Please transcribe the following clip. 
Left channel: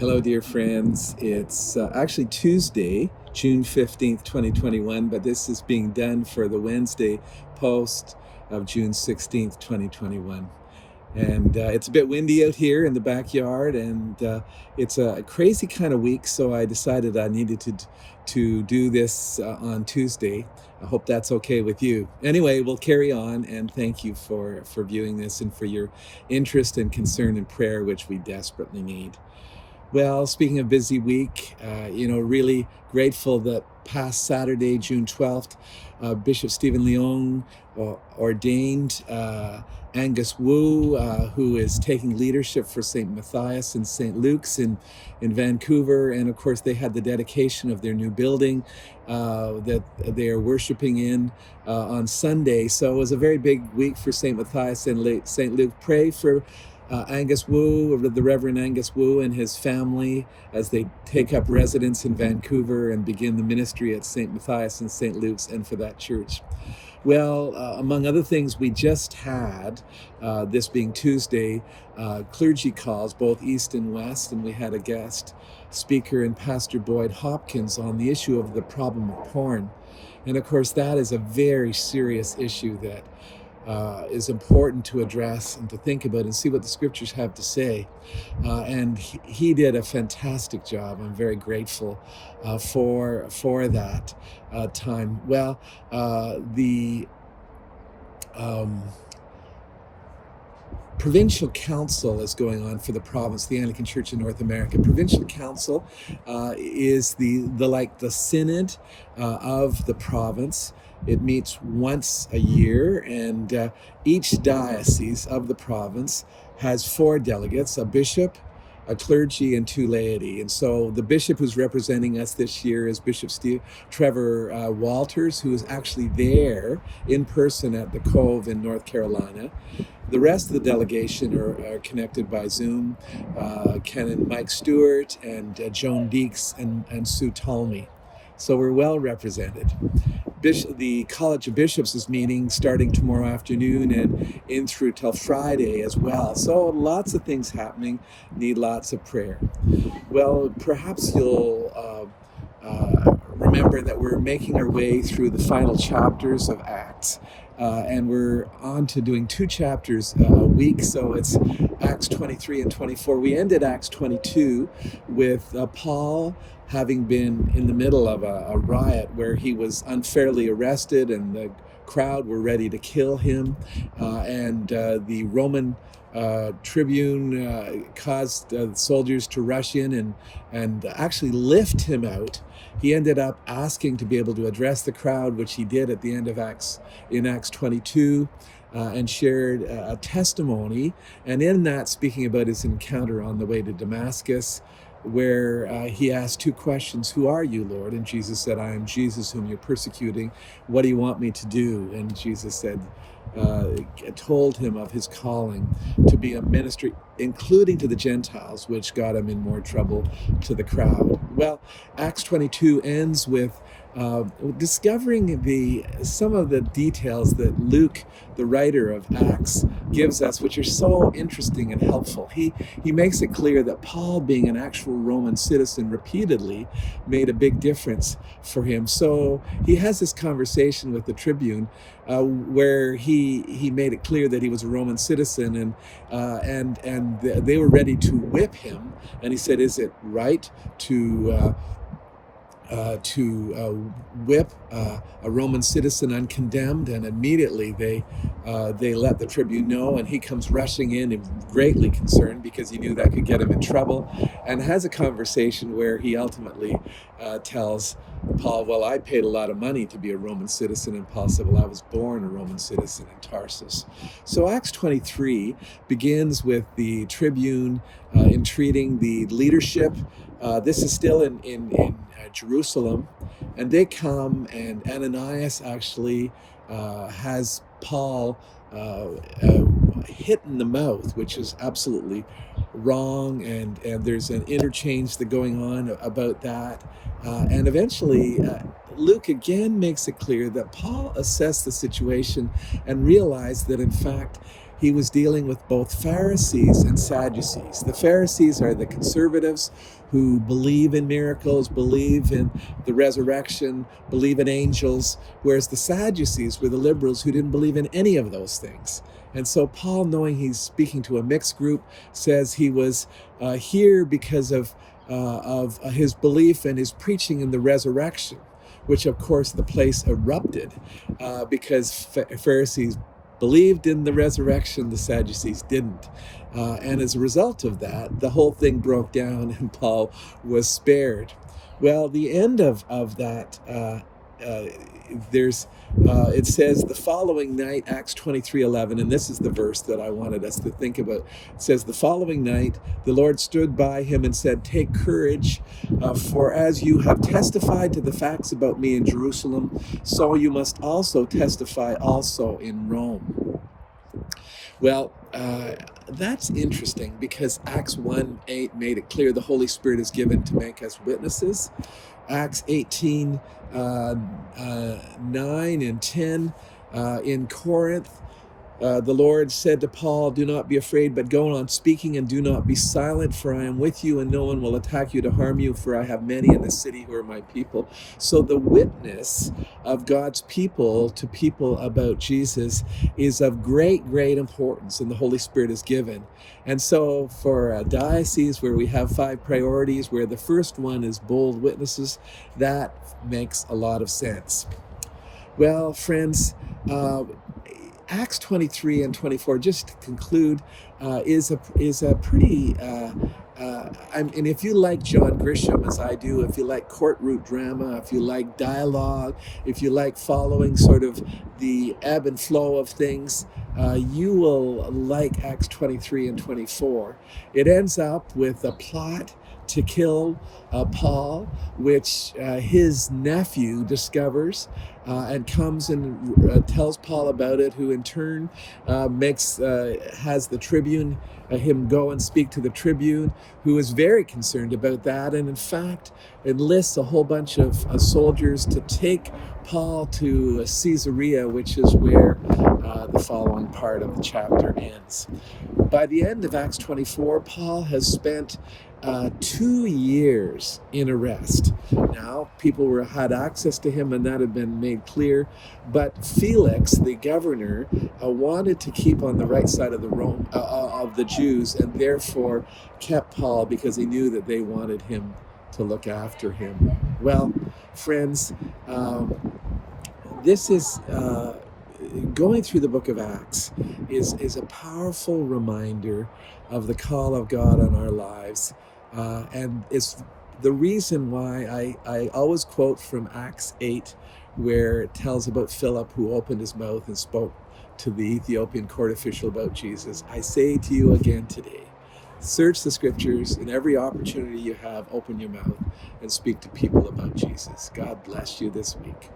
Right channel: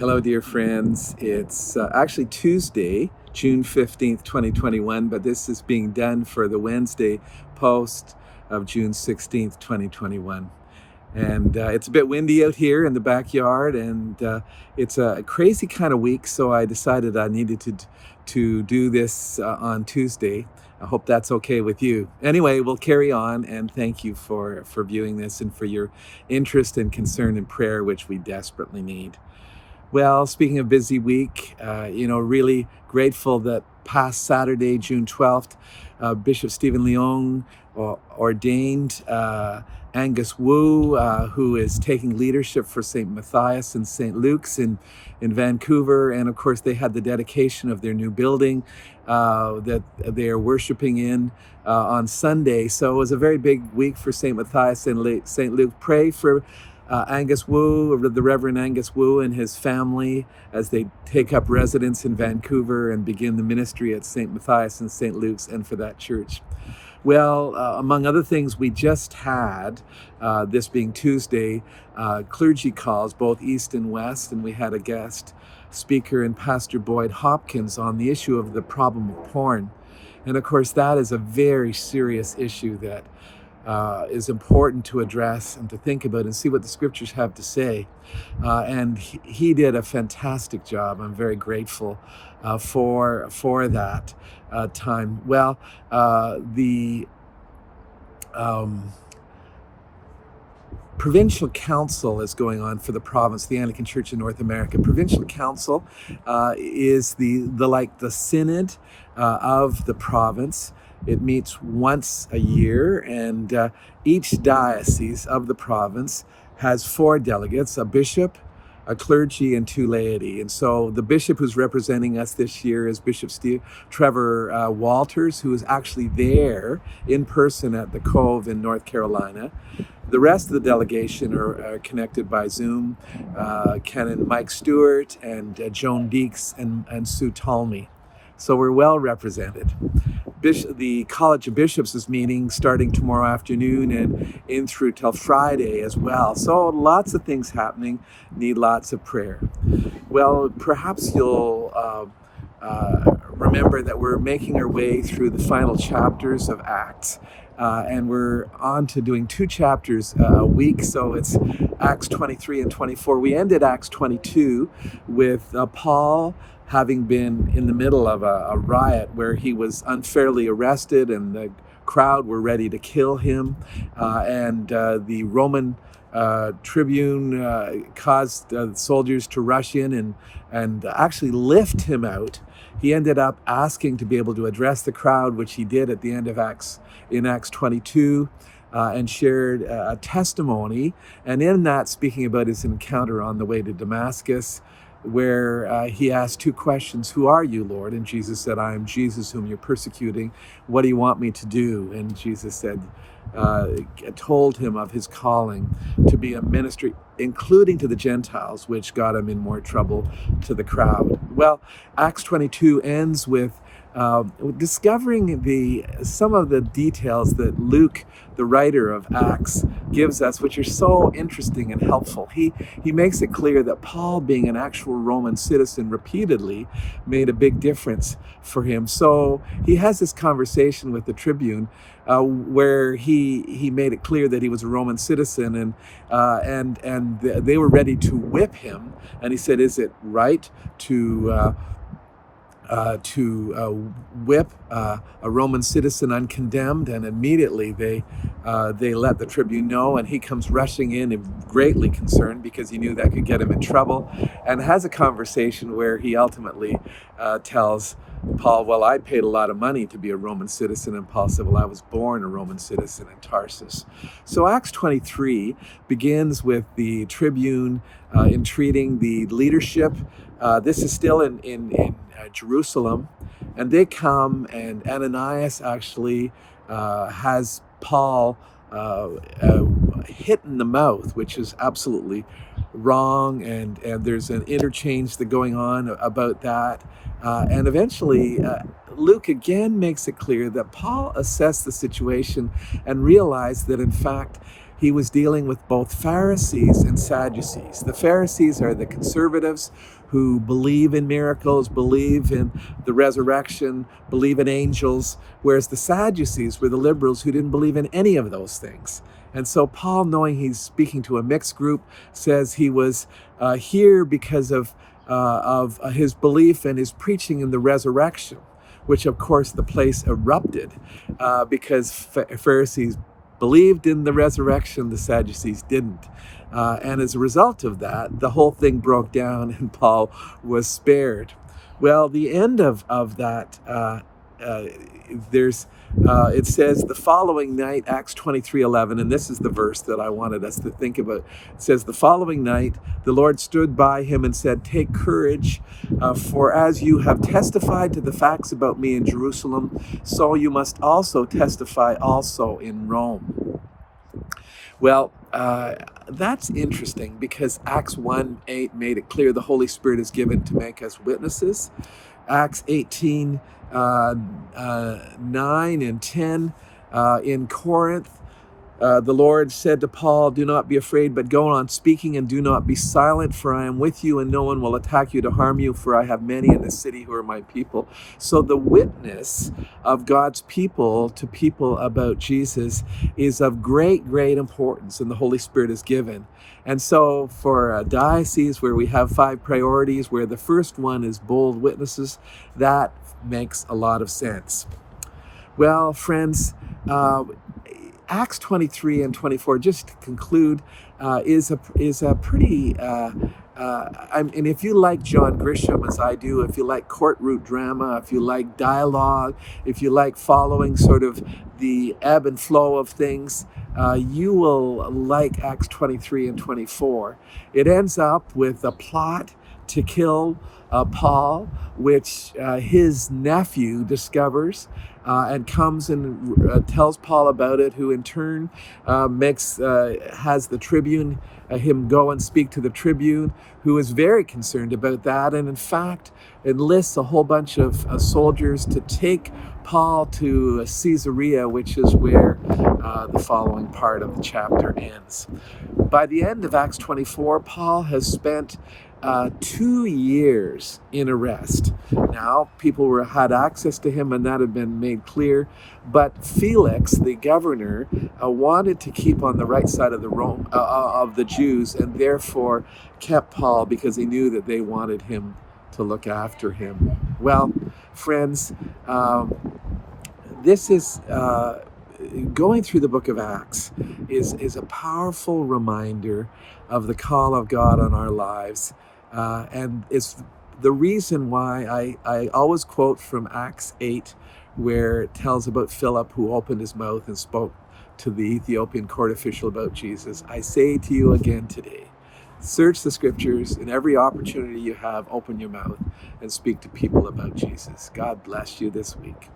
Hello, dear friends. It's actually Tuesday, June 15th, 2021, but this is being done for the Wednesday post of June 16th, 2021. And it's a bit windy out here in the backyard, and it's a crazy kind of week, so I decided I needed to do this on Tuesday. I hope that's okay with you. Anyway, we'll carry on, and thank you for viewing this and for your interest and concern and prayer, which we desperately need. Well, speaking of busy week, really grateful that past Saturday, June 12th, Bishop Stephen Leung ordained Angus Wu, who is taking leadership for St. Matthias and St. Luke's in Vancouver. And of course, they had the dedication of their new building that they are worshiping in on Sunday. So it was a very big week for St. Matthias and St. Luke. Pray for Angus Wu, the Reverend Angus Wu, and his family as they take up residence in Vancouver and begin the ministry at St. Matthias and St. Luke's, and for that church. Well, among other things, we just had, this being Tuesday, clergy calls, both East and West, and we had a guest speaker in Pastor Boyd Hopkins on the issue of the problem of porn. And of course, that is a very serious issue that is important to address and to think about and see what the scriptures have to say. And he did a fantastic job. I'm very grateful for that time. Well, the Provincial Council is going on for the province, the Anglican Church in North America. Provincial Council is the synod of the province. It meets once a year, and each diocese of the province has 4 delegates, a bishop, a clergy, and 2 laity. And so the bishop who's representing us this year is Bishop Trevor Walters, who is actually there in person at the Cove in North Carolina. The rest of the delegation are connected by Zoom, Canon Mike Stewart and Joan Deeks and Sue Talmy. So we're well represented. The College of Bishops is meeting starting tomorrow afternoon and in through till Friday as well. So lots of things happening, need lots of prayer. Well, perhaps you'll remember that we're making our way through the final chapters of Acts. And we're on to doing 2 chapters a week, so it's Acts 23 and 24. We ended Acts 22 with Paul having been in the middle of a riot where he was unfairly arrested and the crowd were ready to kill him. And the Roman tribune caused soldiers to rush in and actually lift him out. He ended up asking to be able to address the crowd, which he did at the end of Acts 22, and shared a testimony. And in that, speaking about his encounter on the way to Damascus, where he asked 2 questions. Who are you, Lord? And Jesus said, I am Jesus whom you're persecuting. What do you want me to do? And Jesus said, told him of his calling to be a ministry, including to the Gentiles, which got him in more trouble to the crowd. Well, Acts 22 ends with discovering some of the details that Luke, the writer of Acts, gives us, which are so interesting and helpful. He makes it clear that Paul, being an actual Roman citizen repeatedly, made a big difference for him. So he has this conversation with the tribune where he made it clear that he was a Roman citizen, and they were ready to whip him. And he said, is it right to whip a Roman citizen uncondemned? And immediately they let the tribune know, and he comes rushing in and greatly concerned because he knew that could get him in trouble, and has a conversation where he ultimately tells Paul, well, I paid a lot of money to be a Roman citizen. And Paul said, well, I was born a Roman citizen in Tarsus. So Acts 23 begins with the tribune entreating the leadership. This is still in Jerusalem, and they come, and Ananias actually has Paul hit in the mouth, which is absolutely wrong, and there's an interchange that's going on about that, and eventually Luke again makes it clear that Paul assessed the situation and realized that in fact he was dealing with both Pharisees and Sadducees. The Pharisees are the conservatives who believe in miracles, believe in the resurrection, believe in angels, whereas the Sadducees were the liberals who didn't believe in any of those things. And so Paul, knowing he's speaking to a mixed group, says he was here because of his belief and his preaching in the resurrection, which of course the place erupted because Pharisees believed in the resurrection, the Sadducees didn't. And as a result of that, the whole thing broke down and Paul was spared. Well, the end of that, it says the following night, Acts 23:11, and this is the verse that I wanted us to think about. It says, the following night, the Lord stood by him and said, take courage, for as you have testified to the facts about me in Jerusalem, so you must also testify also in Rome. Well, that's interesting because Acts 1:8 made it clear the Holy Spirit is given to make us witnesses. Acts 18, 9 and 10 in Corinth, the Lord said to Paul, do not be afraid, but go on speaking and do not be silent, for I am with you and no one will attack you to harm you, for I have many in the city who are my people. So the witness of God's people to people about Jesus is of great, great importance, and the Holy Spirit is given. And so for a diocese where we have 5 priorities, where the first one is bold witnesses, that makes a lot of sense. Well, friends, Acts 23 and 24, just to conclude, is a pretty, and if you like John Grisham as I do, if you like court route drama, if you like dialogue, if you like following sort of the ebb and flow of things, you will like Acts 23 and 24. It ends up with a plot to kill Paul, which his nephew discovers and comes and tells Paul about it, who in turn has the tribune, him go and speak to the tribune, who is very concerned about that, and in fact enlists a whole bunch of soldiers to take Paul to Caesarea, which is where the following part of the chapter ends. By the end of Acts 24, Paul has spent 2 years in arrest. Now, people had access to him, and that had been made clear. But Felix, the governor, wanted to keep on the right side of the Jews, and therefore kept Paul because he knew that they wanted him to look after him. Well, friends, this is going through the book of Acts is a powerful reminder of the call of God on our lives. And it's the reason why I always quote from Acts 8, where it tells about Philip, who opened his mouth and spoke to the Ethiopian court official about Jesus. I say to you again today, search the scriptures, and every opportunity you have, open your mouth and speak to people about Jesus. God bless you this week.